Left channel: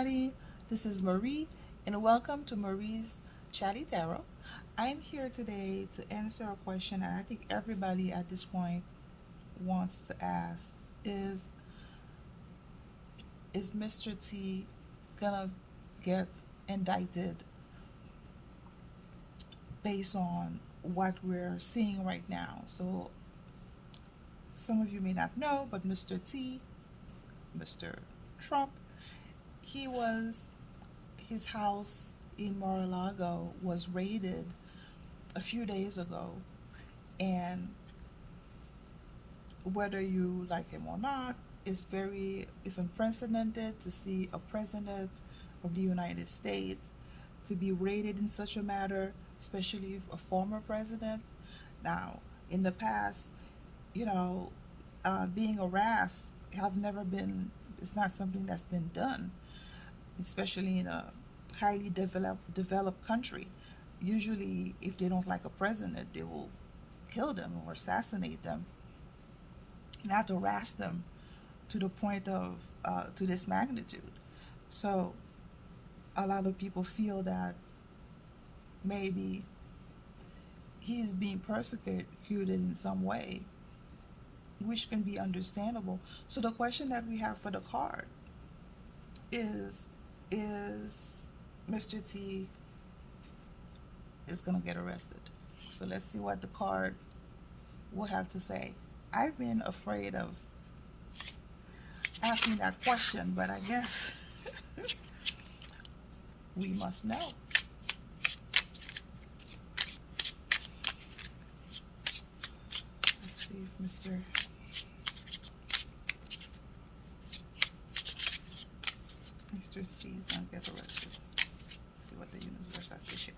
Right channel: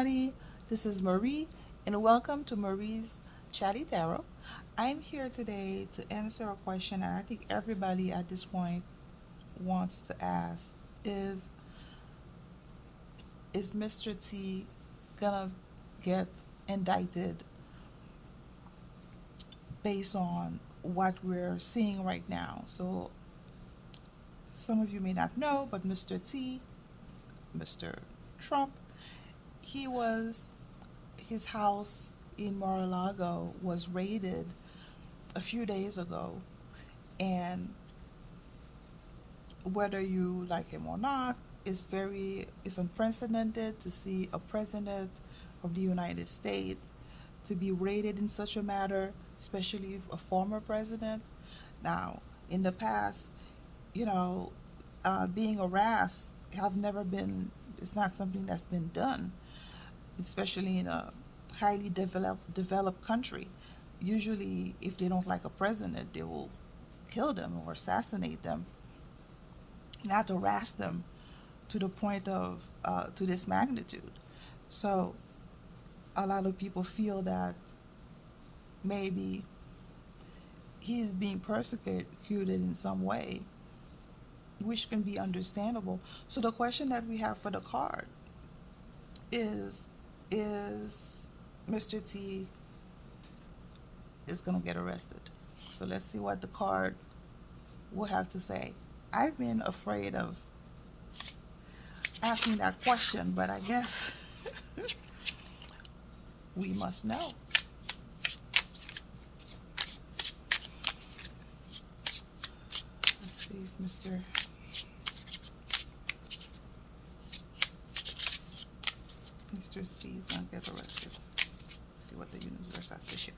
everybody, this is Marie, and welcome to Marie's Chatty Tarot. I'm here today to answer a question that I think everybody at this point wants to ask is is Mr. T gonna get indicted based on what we're seeing right now? So some of you may not know, but Mr. T, Mr. Trump, he was his house in Mar-a-Lago was raided a few days ago, and whether you like him or not, it's unprecedented to see a president of the United States to be raided in such a matter, especially a former president. Now, in the past, you know, being harassed have never been. It's not something that's been done, especially in a highly developed country. Usually, if they don't like a president, they will kill them or assassinate them, not harass them to the point of to this magnitude. So a lot of people feel that maybe he's being persecuted in some way, which can be understandable. So the question that we have for the card is Mr. T is going to get arrested. So let's see what the card will have to say. I've been afraid of asking that question, but I guess we must know. Let's see if Mr. C is going to get arrested. Let's see what the universe has to share.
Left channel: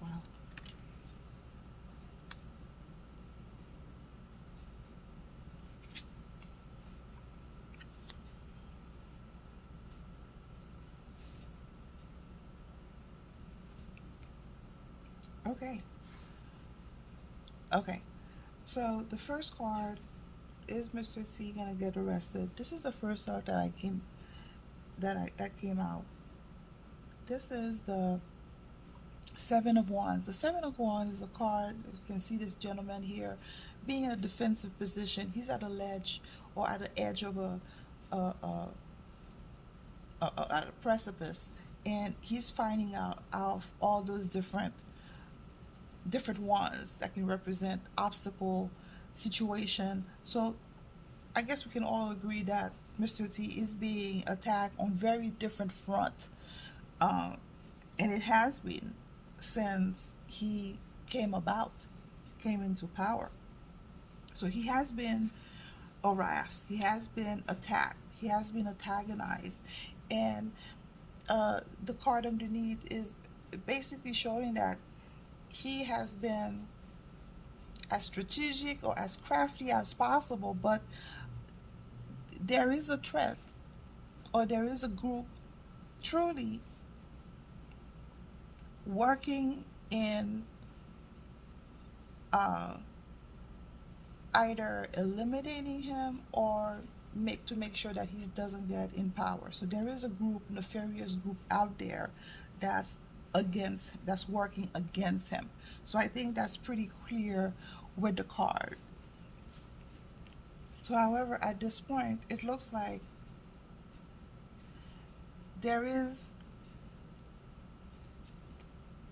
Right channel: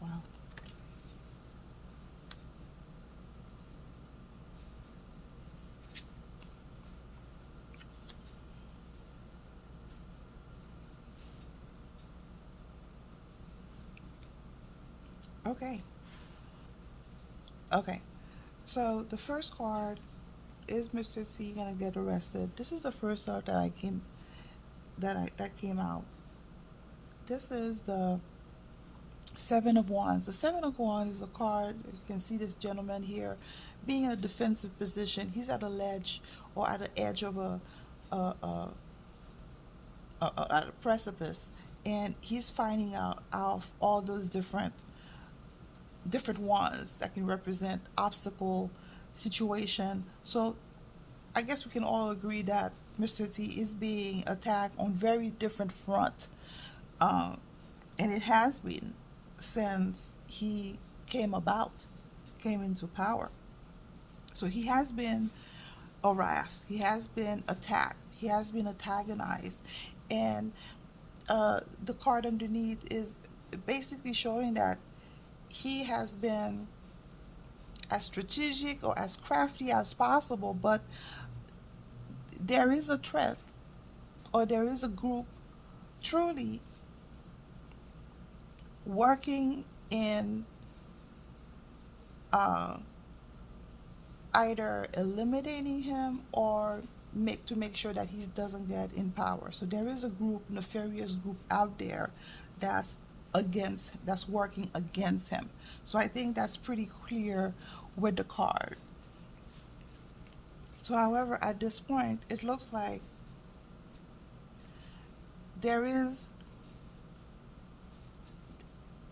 Wow. Okay. Okay. So the first card is Mr. C gonna get arrested. This is the first card that came out. This is the Seven of Wands. The Seven of Wands is a card. You can see this gentleman here being in a defensive position. He's at a ledge or at the edge of a, at a precipice, and he's finding out all those different ones that can represent obstacle situation. So I guess we can all agree that Mr. T is being attacked on very different front, and it has been since he came into power. So he has been harassed, he has been attacked, he has been antagonized, and the card underneath is basically showing that he has been as strategic or as crafty as possible, but there is a threat or there is a group truly working in either eliminating him or make sure that he doesn't get in power. So there is a group, nefarious group out there that's working against him. So I think that's pretty clear with the card. So, however, at this point, it looks like there is,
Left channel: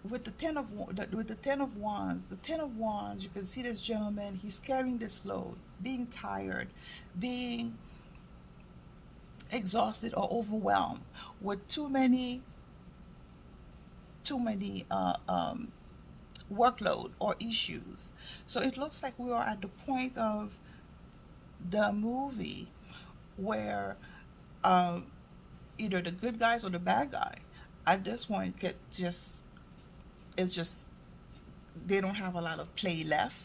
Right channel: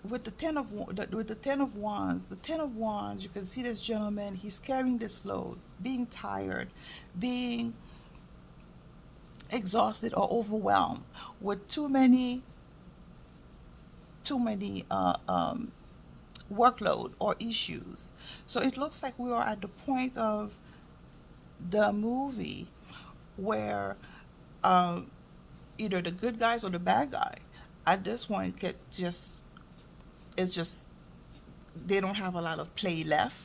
with the ten of wands, you can see this gentleman. He's carrying this load, being tired, being exhausted or overwhelmed with too many workload or issues. So it looks like we are at the point of the movie where um, either the good guys or the bad guys at this point get just it's just they don't have a lot of play left,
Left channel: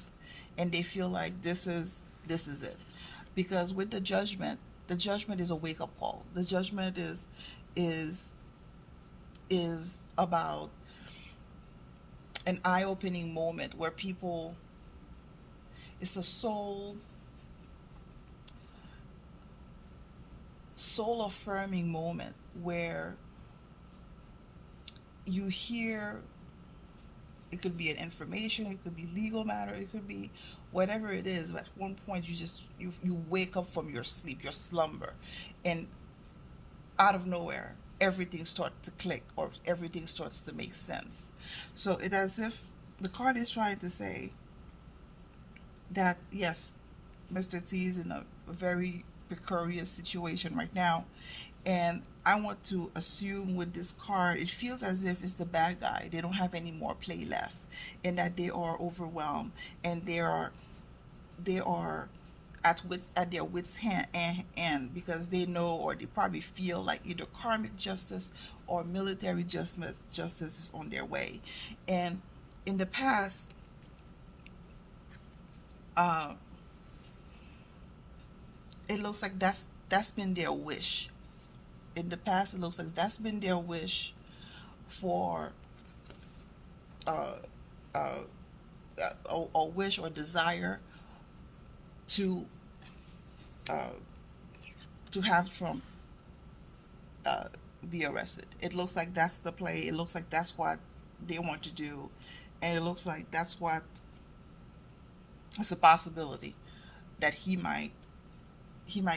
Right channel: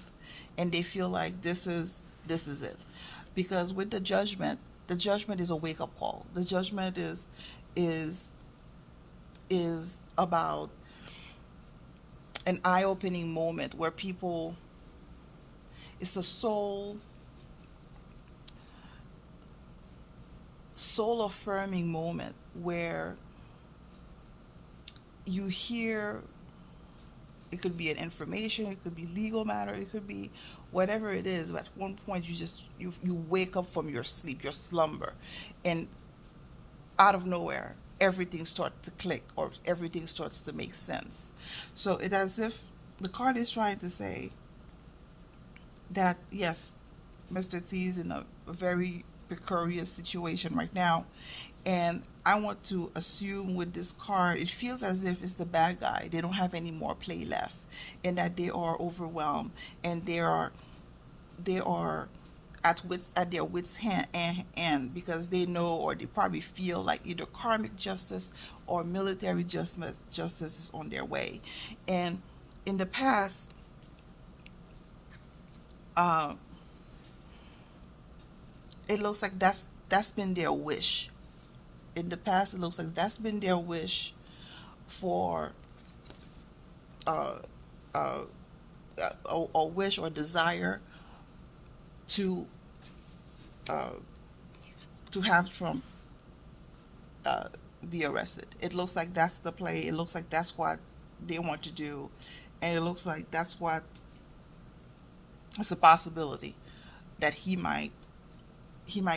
and they feel like this is it. Because with the judgment is a wake up call. The judgment is is about an eye opening moment where people, it's a soul affirming moment where you hear, it could be an information, it could be legal matter, it could be whatever it is. But at one point you wake up from your sleep, your slumber, and out of nowhere everything starts to click, or everything starts to make sense. So it's as if the card is trying to say that yes, Mr. T is in a very precarious situation right now. And I want to assume with this card, it feels as if it's the bad guy. They don't have any more play left, and that they are overwhelmed, and they are at their wits hand, because they know, or they probably feel like either karmic justice or military justice is on their way. And in the past, uh, it looks like that's been their wish. In the past, it looks like that's been their wish for uh, uh, a wish or desire to uh, to have Trump uh, be arrested. It looks like that's the play. It looks like that's what they want to do, and it looks like that's what, it's a possibility that he might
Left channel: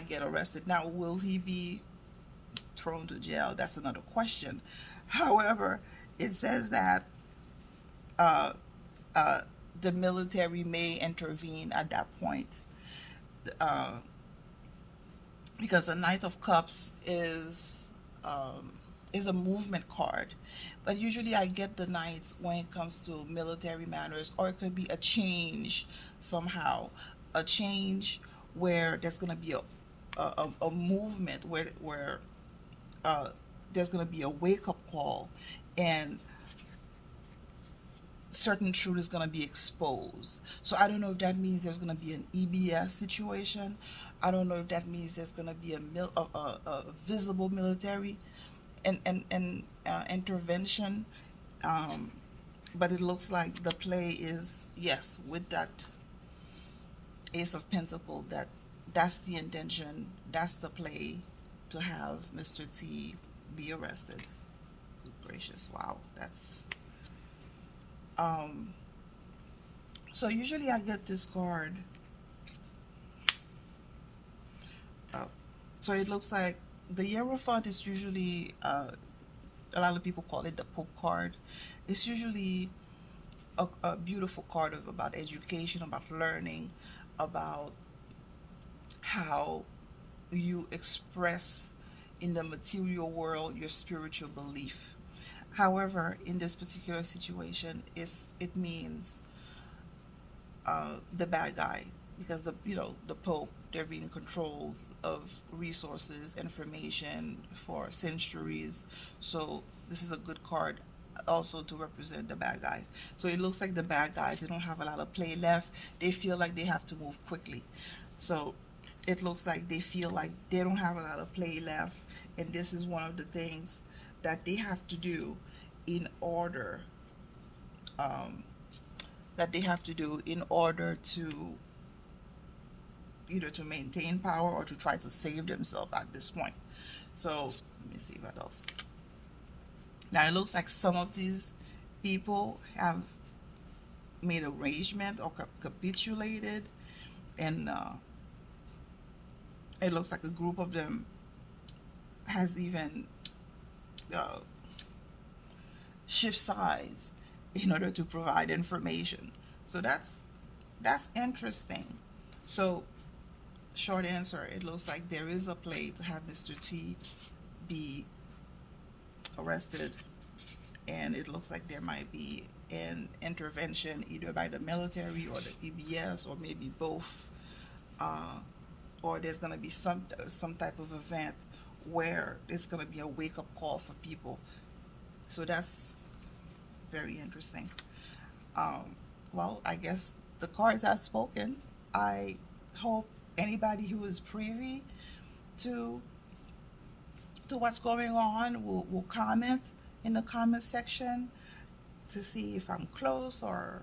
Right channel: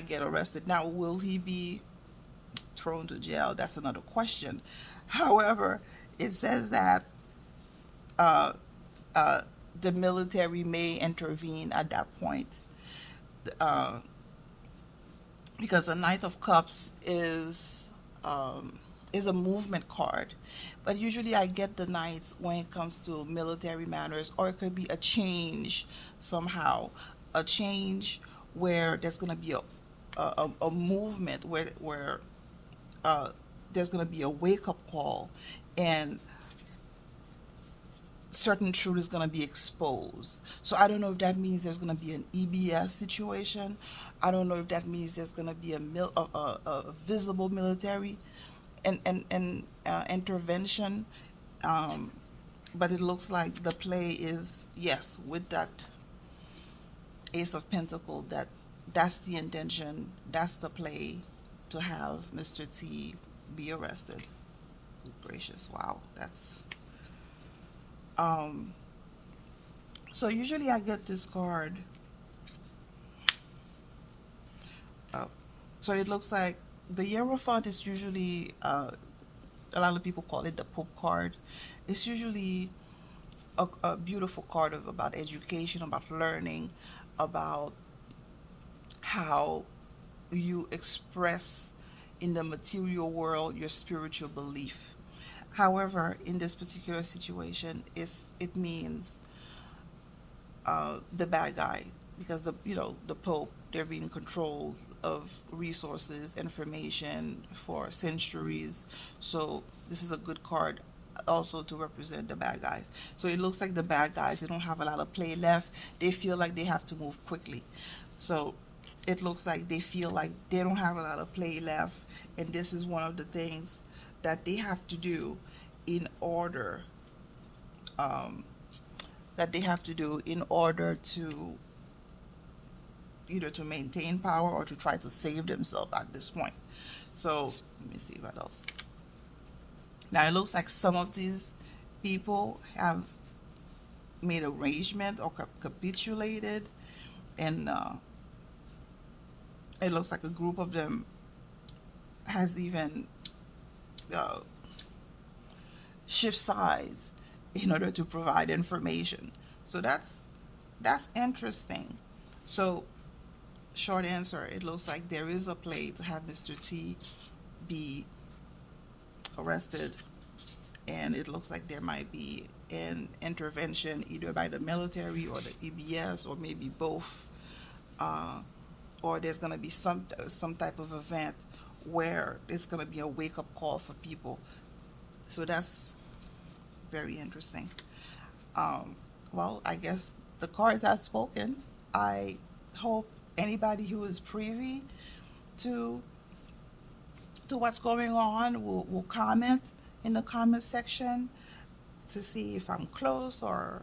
get arrested. Now, will he be thrown to jail? That's another question. However, it says that uh, uh, the military may intervene at that point, uh, because the Knight of Cups is a movement card. But usually I get the knights when it comes to military matters, or it could be a change somehow, a change where there's going to be a movement where uh, there's going to be a wake up call, and certain truth is going to be exposed. So I don't know if that means there's going to be an EBS situation. I don't know if that means there's going to be a visible military and intervention. Um, but it looks like the play is, yes, with that Ace of Pentacle, that's the intention, that's the play, to have Mr. T be arrested. Good gracious, wow, that's um so usually I get this card. Oh, so it looks like the Hierophant is usually a lot of people call it the Pope card. It's usually a beautiful card about education, about learning, about how you express in the material world your spiritual belief. However, in this particular situation, it means the bad guy, because the Pope, they're being controlled of resources, information for centuries. So this is a good card also to represent the bad guys. So it looks like the bad guys, they don't have a lot of play left. They feel like they have to move quickly. So it looks like they feel like they don't have a lot of play left, and this is one of the things that they have to do in order um, to either to maintain power or to try to save themselves at this point. So let me see what else. Now it looks like some of these people have made arrangement or capitulated, and It looks like a group of them has even uh, shift sides in order to provide information. So that's interesting. So short answer, it looks like there is a play to have Mr. T be arrested, and it looks like there might be an intervention either by the military or the PBS or maybe both, uh, or there's going to be some type of event where there's going to be a wake up call for people. So that's very interesting. Um, well, I guess the cards have spoken. I hope anybody who is privy to what's going on will comment in the comment section to see if I'm close or